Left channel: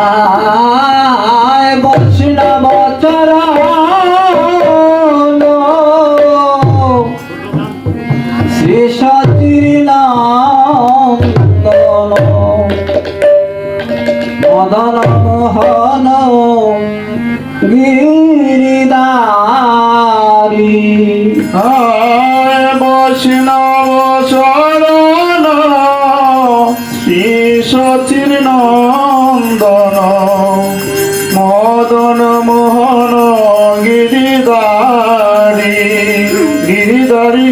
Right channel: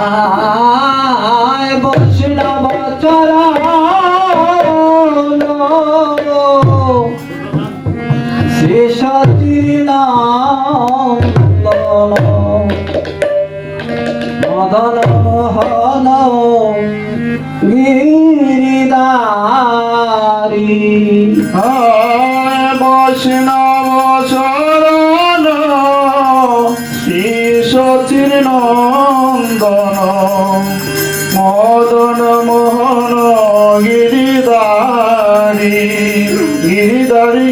Ha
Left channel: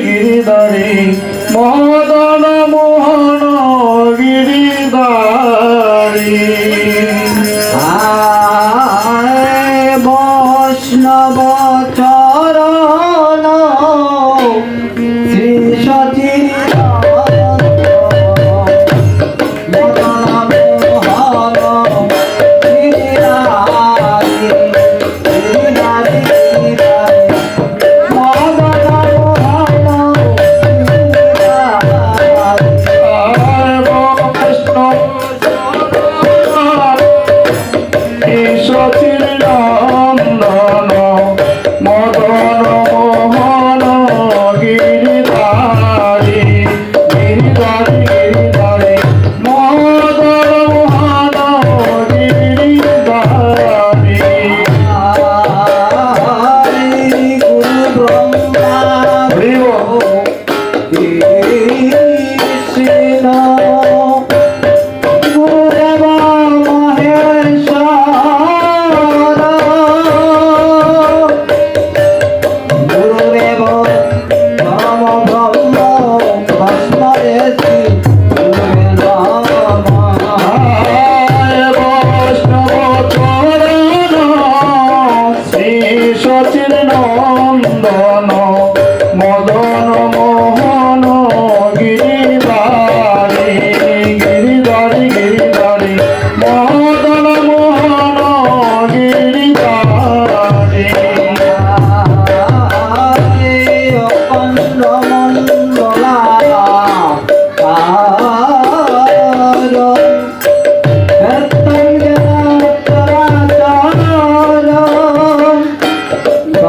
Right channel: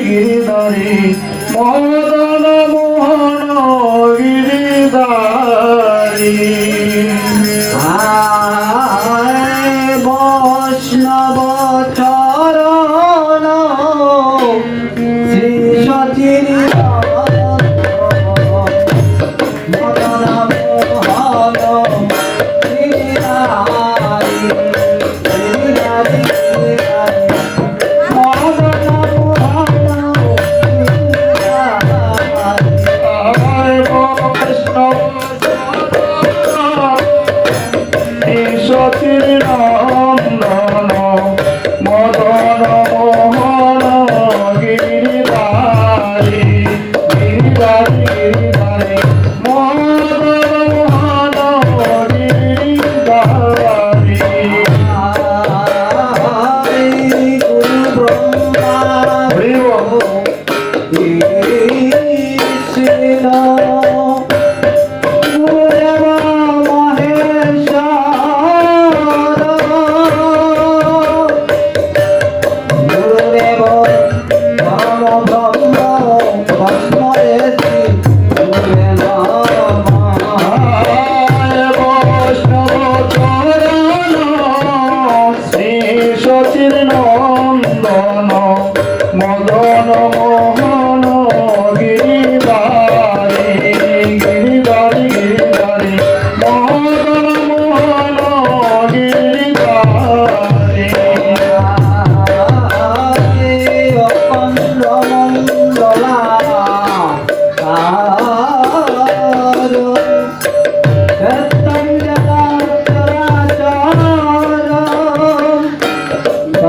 you.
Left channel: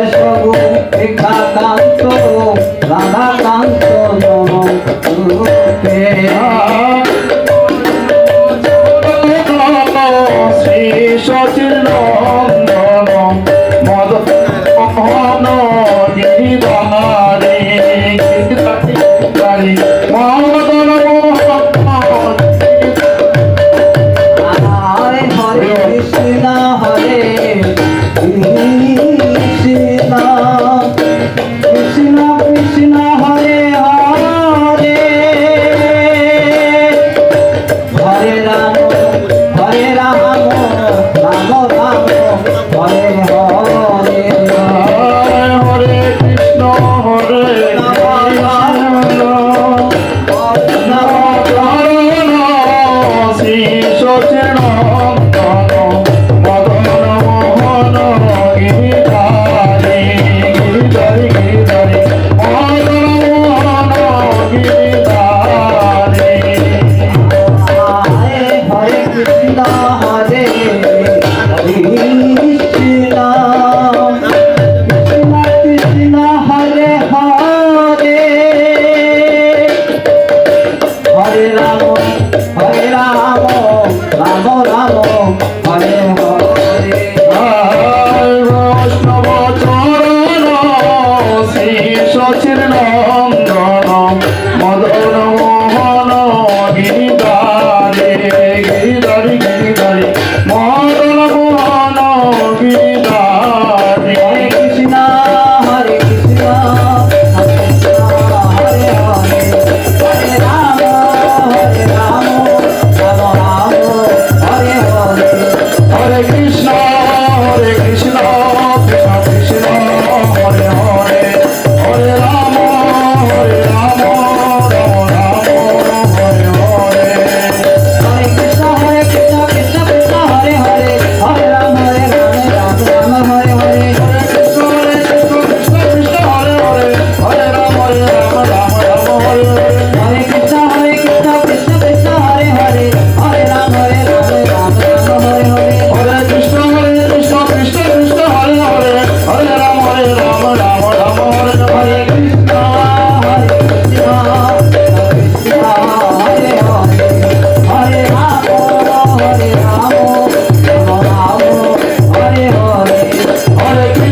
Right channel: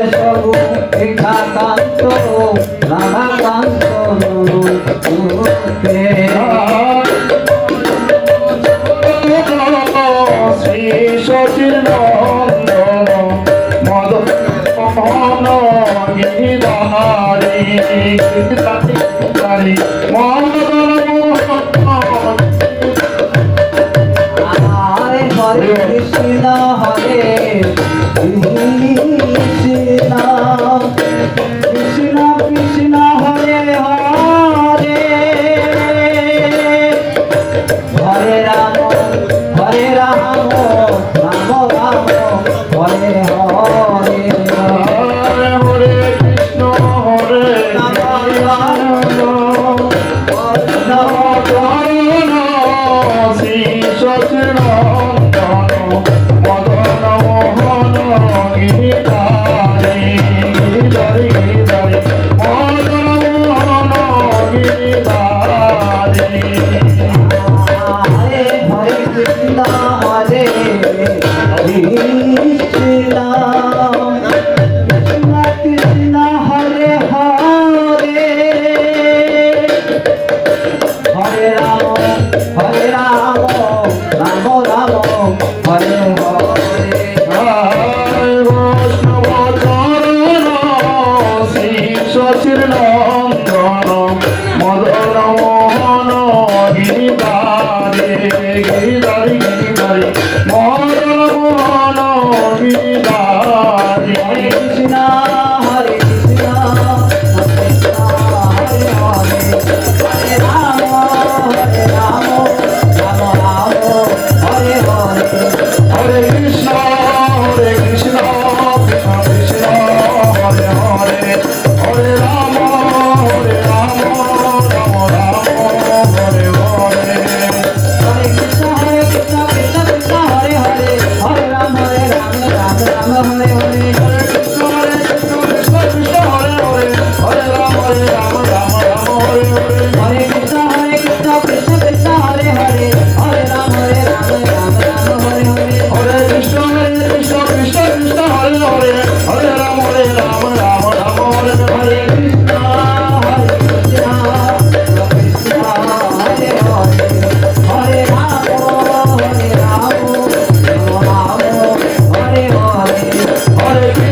Gopesh